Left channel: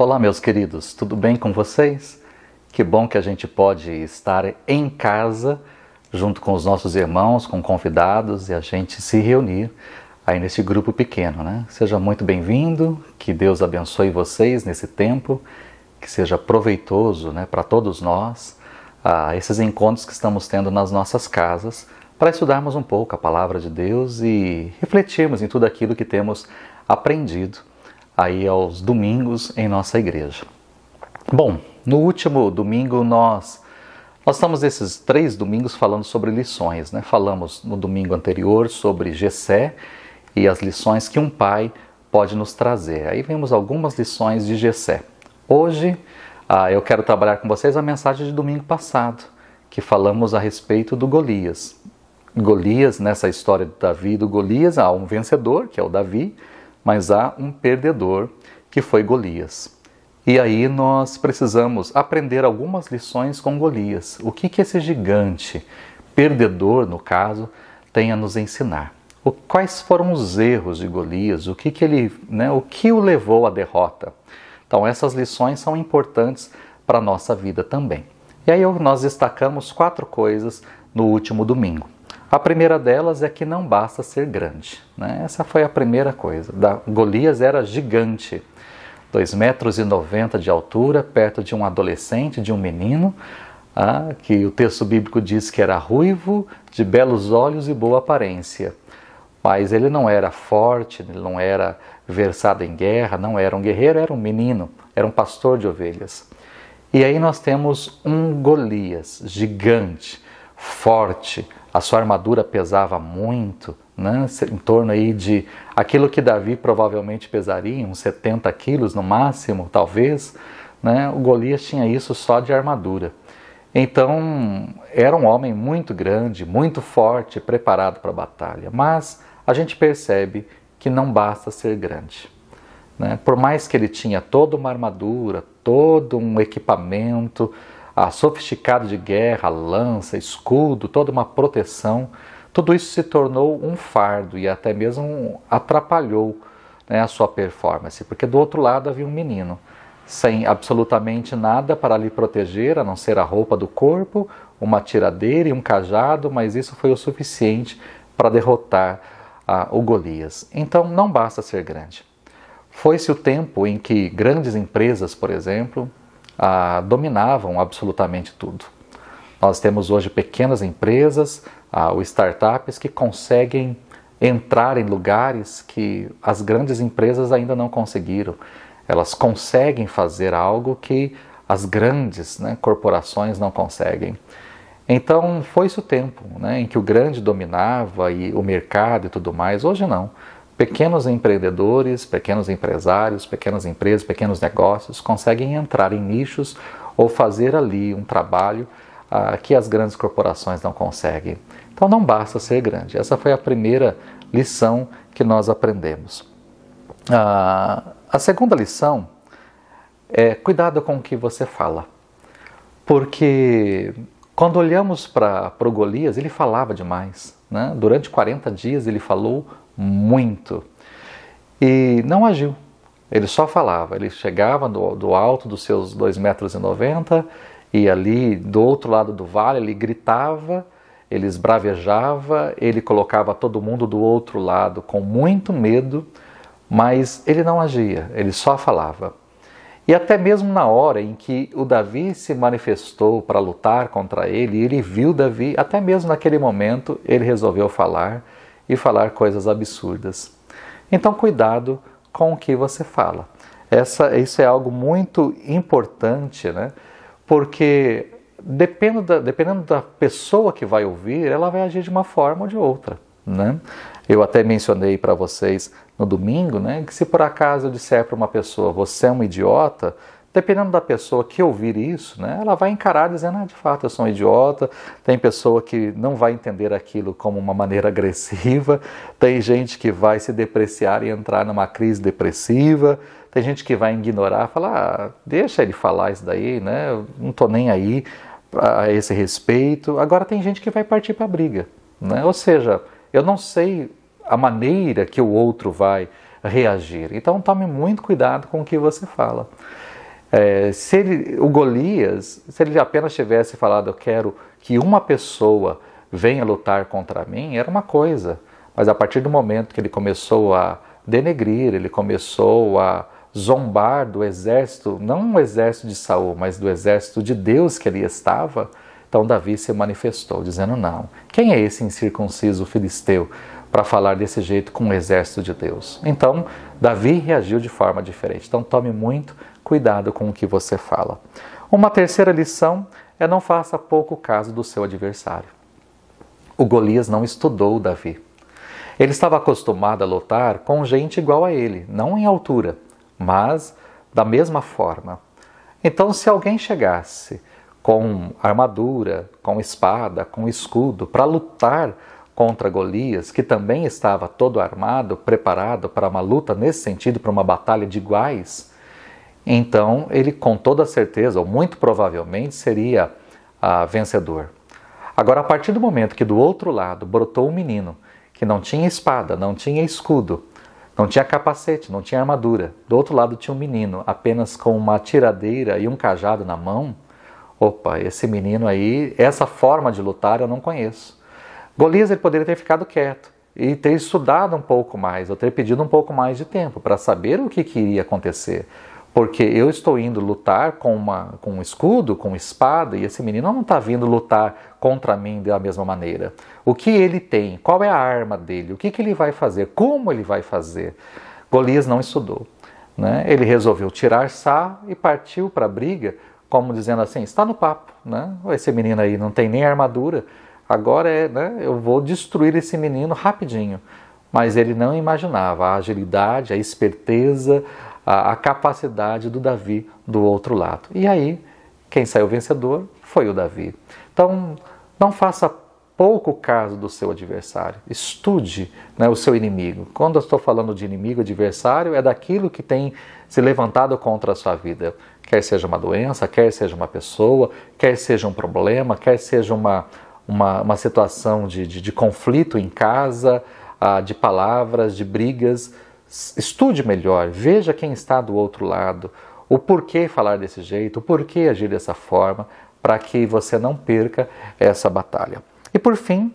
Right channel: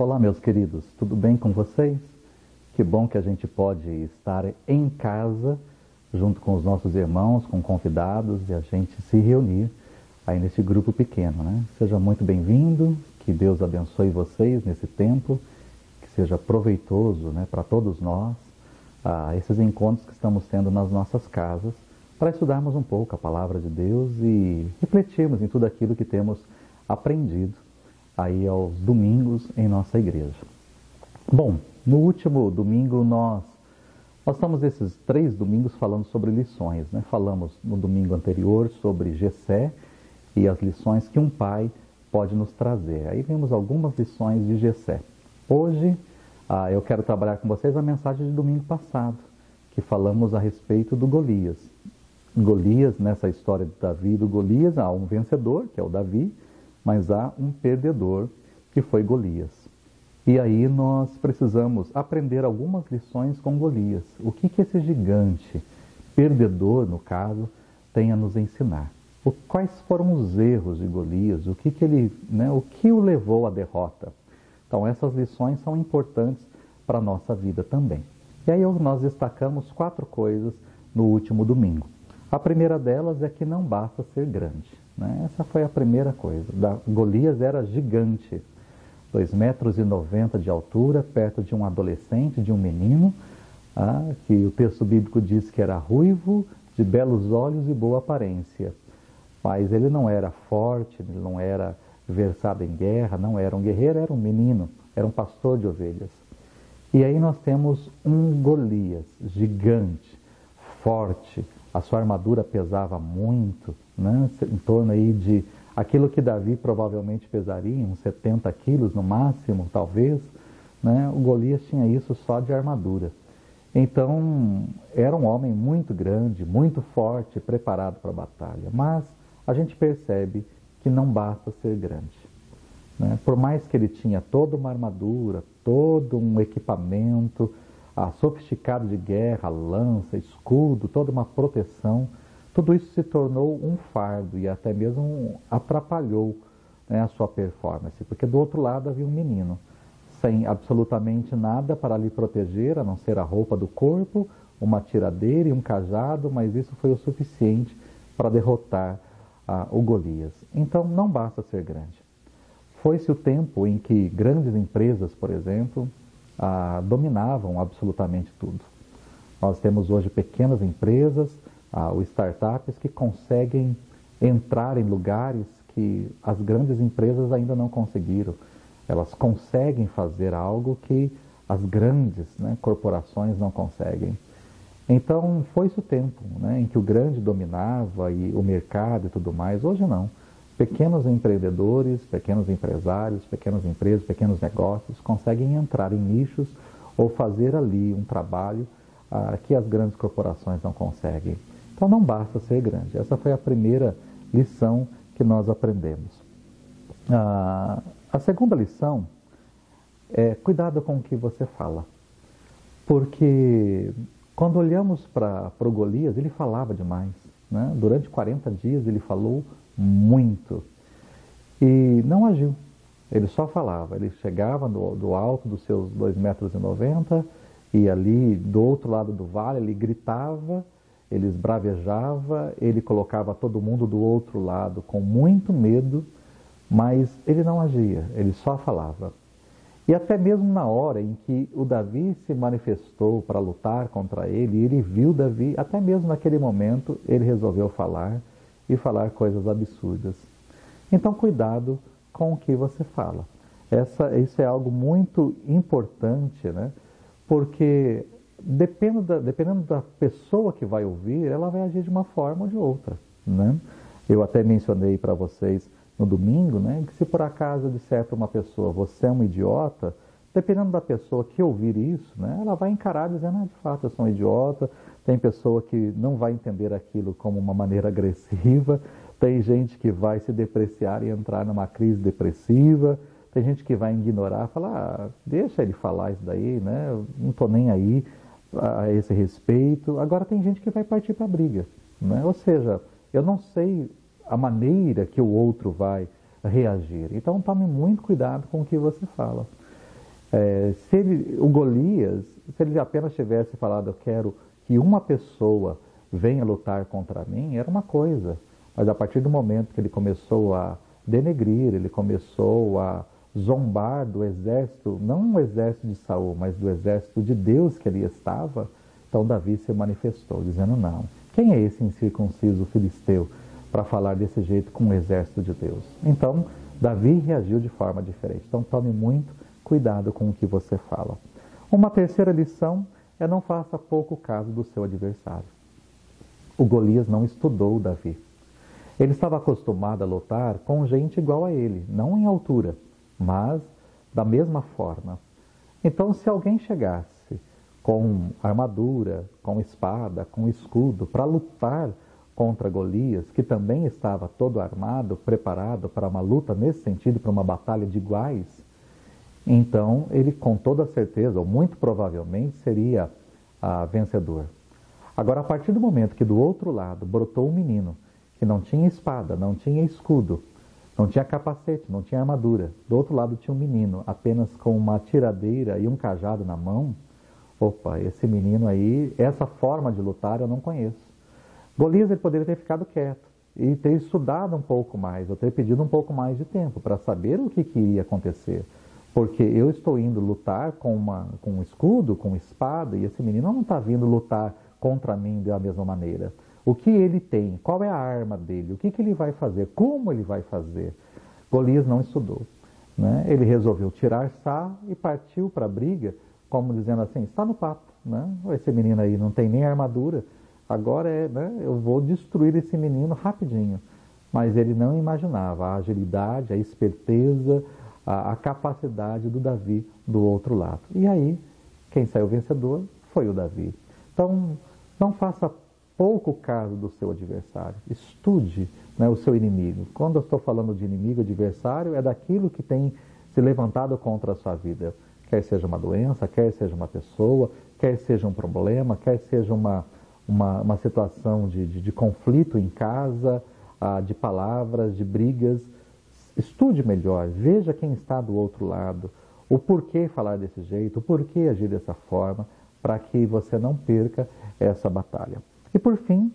Olá, meus queridos, tudo bem com vocês? Que bom que a gente pode estar em casa, junto com os nossos irmãos, com convidados, e a gente se reunir aí nesse grupo pequeno, né? Seja muito bem-vindo, que Deus abençoe vocês nesse tempo, que seja proveitoso, né, para todos nós, esses encontros que estamos tendo nas nossas casas, para estudarmos um pouco a Palavra de Deus e refletirmos em tudo aquilo que temos aprendido aí aos domingos em nossa igreja. Bom, no último domingo nós estamos esses 3 domingos falando sobre lições, né? Falamos no domingo anterior sobre Jessé e as lições que um pai pode nos trazer. Aí vemos algumas lições de Jessé. Hoje eu quero trabalhar com vocês a mensagem de domingo passado, que falamos a respeito do Golias. Golias, nessa história de Davi e do Golias, há um vencedor, que é o Davi, mas há um perdedor, que foi Golias. E aí nós precisamos aprender algumas lições com Golias. O que esse gigante, perdedor no caso, tem a nos ensinar? Quais foram os erros de Golias? O que o levou à derrota? Então essas lições são importantes para a nossa vida também. E aí nós destacamos 4 coisas no último domingo. A primeira delas é que não basta ser grande, né? Essa foi a primeira coisa. Golias era gigante, 2,90 metros de altura, perto de um adolescente, de um menino, que o texto bíblico diz que era ruivo, de belos olhos e boa aparência. Mas ele não era forte, ele não era versado em guerra, não era um guerreiro, era um menino, era um pastor de ovelhas. E aí nós temos um Golias gigante, forte. A sua armadura pesava muito, né? Em torno aí de aquilo que Davi provavelmente pesaria, uns 70 quilos no máximo, talvez, né? O Golias tinha isso só de armadura. Então, era um homem muito grande, muito forte, preparado para a batalha. Mas a gente percebe que não basta ser grande, né? Por mais que ele tinha toda uma armadura, todo um equipamento sofisticado de guerra, lança, escudo, toda uma proteção, tudo isso se tornou um fardo e até mesmo atrapalhou, né, a sua performance, porque do outro lado havia um menino, sem absolutamente nada para lhe proteger, a não ser a roupa do corpo, uma tiradeira e um cajado, mas isso foi o suficiente para derrotar o Golias. Então não basta ser grande. Foi-se o tempo em que grandes empresas, por exemplo, dominavam absolutamente tudo. Nós temos hoje pequenas empresas, ou startups que conseguem entrar em lugares que as grandes empresas ainda não conseguiram. Elas conseguem fazer algo que as grandes, né, corporações não conseguem. Então foi-se o tempo, né, em que o grande dominava e o mercado e tudo mais. Hoje não. Pequenos empreendedores, pequenos empresários, pequenas empresas, pequenos negócios conseguem entrar em nichos ou fazer ali um trabalho que as grandes corporações não conseguem. Então não basta ser grande. Essa foi a primeira lição que nós aprendemos. A segunda lição é cuidado com o que você fala. Porque quando olhamos para o Golias, ele falava demais, né? Durante 40 dias ele falou muito e não agiu, ele só falava, ele chegava do alto dos seus 2,90 metros e ali do outro lado do vale ele gritava, ele esbravejava, ele colocava todo mundo do outro lado com muito medo, mas ele não agia, ele só falava. E até mesmo na hora em que o Davi se manifestou para lutar contra ele, ele viu Davi, até mesmo naquele momento ele resolveu falar e falar coisas absurdas. Então cuidado com o que você fala. Isso é algo muito importante, né? Porque dependendo da pessoa que vai ouvir, ela vai agir de uma forma ou de outra, né? Eu até mencionei para vocês no domingo, né, que se por acaso eu disser para uma pessoa, você é um idiota, dependendo da pessoa que ouvir isso, né, ela vai encarar dizendo, de fato, eu sou um idiota. Tem pessoa que não vai entender aquilo como uma maneira agressiva, tem gente que vai se depreciar e entrar numa crise depressiva, tem gente que vai ignorar, falar, deixa ele falar isso daí, né, eu não estou nem aí a esse respeito. Agora tem gente que vai partir para a briga, né, ou seja, eu não sei a maneira que o outro vai reagir. Então tome muito cuidado com o que você fala. O Golias, se ele apenas tivesse falado, eu quero que uma pessoa venha lutar contra mim, era uma coisa. Mas a partir do momento que ele começou a denegrir, ele começou a zombar do exército, não o exército de Saul, mas do exército de Deus que ali estava, então Davi se manifestou, dizendo, não, quem é esse incircunciso filisteu para falar desse jeito com o exército de Deus? Então, Davi reagiu de forma diferente. Então, tome muito cuidado com o que você fala. Uma terceira lição é não faça pouco caso do seu adversário. O Golias não estudou o Davi. Ele estava acostumado a lutar com gente igual a ele, não em altura, mas da mesma forma. Então, se alguém chegasse com armadura, com espada, com escudo, para lutar contra Golias, que também estava todo armado, preparado para uma luta nesse sentido, para uma batalha de iguais, então ele com toda certeza, ou muito provavelmente, seria vencedor. Agora, a partir do momento que do outro lado brotou um menino que não tinha espada, não tinha escudo, não tinha capacete, não tinha armadura, do outro lado tinha um menino apenas com uma tiradeira e um cajado na mão, opa, esse menino aí, essa forma de lutar eu não conheço. Golias ele poderia ter ficado quieto e ter estudado um pouco mais, ou ter pedido um pouco mais de tempo para saber o que iria acontecer. Porque eu estou indo lutar com um escudo, com espada, e esse menino não está vindo lutar contra mim da mesma maneira. O que ele tem? Qual é a arma dele? O que ele vai fazer? Como ele vai fazer? Golias não estudou, né? Ele resolveu tirar sarro e partiu para a briga, como dizendo assim, está no papo, né? Esse menino aí não tem nem armadura, agora eu vou destruir esse menino rapidinho. Mas ele não imaginava a agilidade, a esperteza, a capacidade do Davi do outro lado. E aí, quem saiu vencedor foi o Davi. Então, não faça pouco caso do seu adversário. Estude, né, o seu inimigo. Quando eu estou falando de inimigo, adversário, é daquilo que tem se levantado contra a sua vida. Quer seja uma doença, quer seja uma pessoa, quer seja um problema, quer seja uma situação de conflito em casa, de palavras, de brigas. Estude melhor, veja quem está do outro lado, o porquê falar desse jeito, o porquê agir dessa forma, para que você não perca essa batalha. E por fim,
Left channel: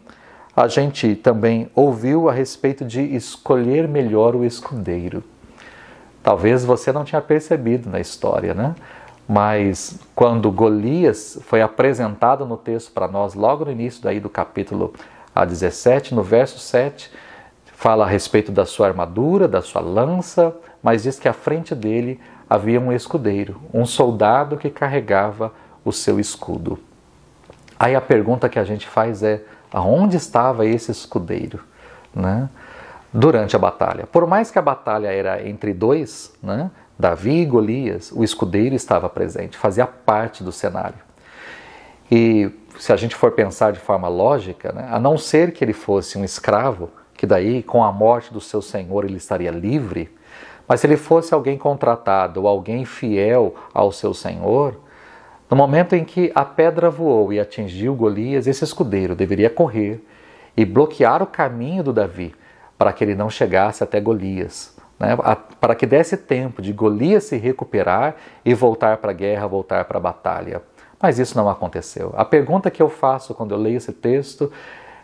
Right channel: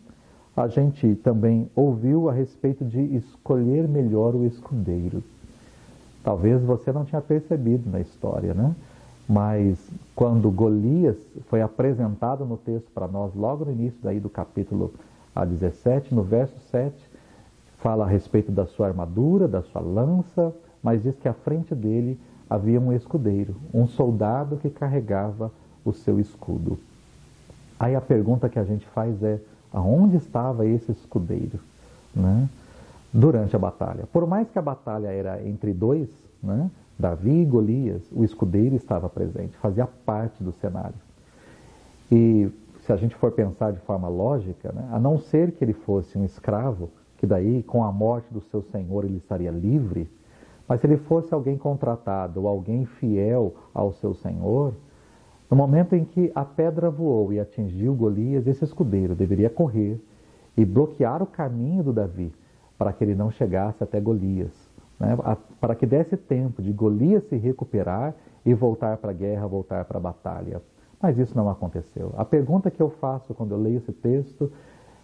a gente também ouviu a respeito de escolher melhor o escudeiro. Talvez você não tinha percebido na história, né? Mas quando Golias foi apresentado no texto para nós, logo no início daí do capítulo 17, no verso 7, fala a respeito da sua armadura, da sua lança, mas diz que à frente dele havia um escudeiro, um soldado que carregava o seu escudo. Aí a pergunta que a gente faz é, aonde estava esse escudeiro, né? Durante a batalha? Por mais que a batalha era entre dois, né? Davi e Golias, o escudeiro estava presente, fazia parte do cenário. E se a gente for pensar de forma lógica, né? A não ser que ele fosse um escravo, que daí, com a morte do seu senhor, ele estaria livre. Mas se ele fosse alguém contratado ou alguém fiel ao seu senhor, no momento em que a pedra voou e atingiu Golias, esse escudeiro deveria correr e bloquear o caminho do Davi para que ele não chegasse até Golias, né? Para que desse tempo de Golias se recuperar e voltar para a guerra, voltar para a batalha. Mas isso não aconteceu. A pergunta que eu faço quando eu leio esse texto,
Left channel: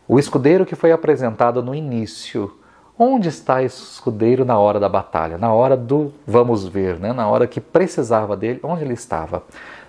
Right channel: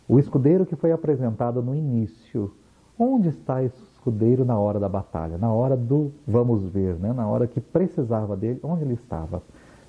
o escudeiro que foi apresentado no início, onde está esse escudeiro na hora da batalha? Na hora do vamos ver, né? Na hora que precisava dele, onde ele estava?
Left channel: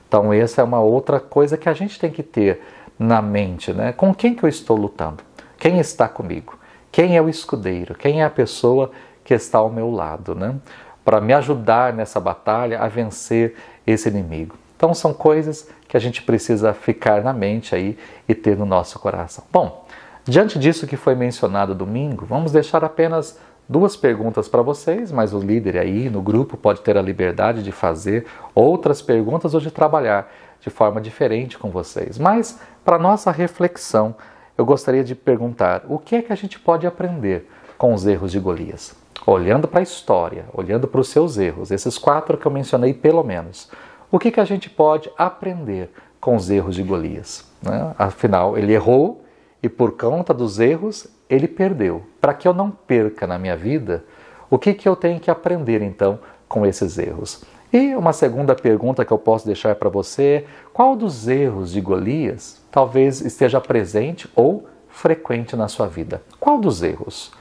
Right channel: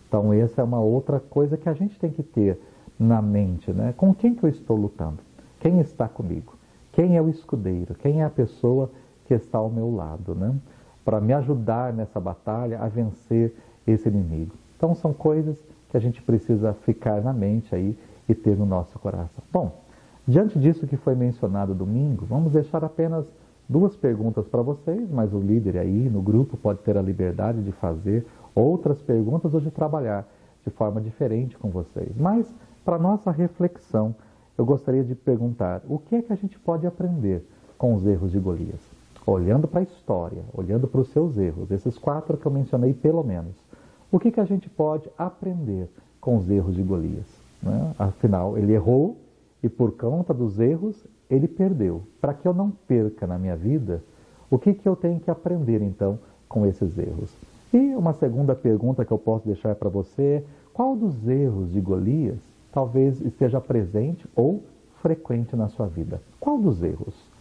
Então essa é uma outra coisa que a gente tem que ter na mente, né? Com quem que eu estou lutando? Quem está comigo? Quem é o escudeiro? Quem é a pessoa que está ao meu lado, né? Para me ajudar nessa batalha a vencer esse inimigo. Então são coisas que a gente precisa ficar na mente aí e ter no nosso coração. Bom, diante disso que foi mencionado domingo, vamos deixar apenas 2 perguntas para vocês, mas o líder aí no grupo pode ter a liberdade de fazer outras perguntas ou de trabalhar de forma diferente com vocês. Mas, para nossa reflexão, eu gostaria de perguntar o que é que a gente pode aprender com os erros de Golias? Olhando para a história, olhando para os seus erros, esses 4 que eu mencionei pelo menos, o que a gente pode aprender com os erros de Golias? Né? Afinal, ele errou e por conta dos erros, ele perdeu. Para que eu não perca na minha vida, o que eu tenho que aprender então com esses erros? E uma segunda pergunta que eu posso deixar para você: qual dos erros de Golias talvez esteja presente ou frequente na sua vida? Qual dos erros?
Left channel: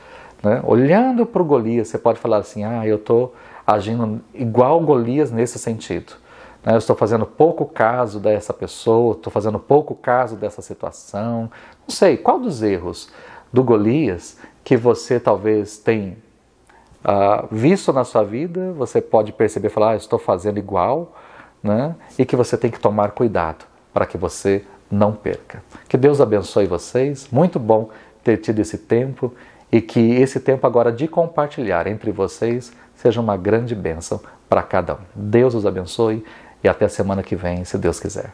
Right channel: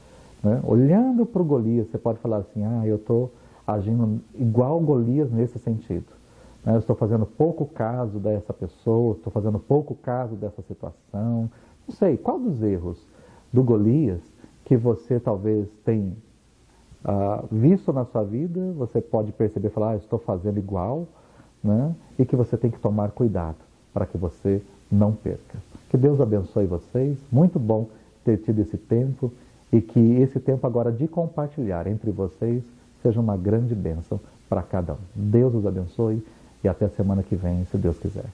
Né? Olhando para o Golias, você pode falar assim: eu estou agindo igual Golias nesse sentido. Eu estou fazendo pouco caso dessa pessoa, estou fazendo pouco caso dessa situação. Não sei, qual dos erros do Golias que você talvez tenha visto na sua vida, você pode perceber e falar: estou fazendo igual, né? E que você tem que tomar cuidado para que você não perca. Que Deus abençoe vocês, muito bom ter tido esse tempo e que esse tempo agora de compartilhar entre vocês seja uma grande bênção para cada um. Deus os abençoe e até a semana que vem, se Deus quiser.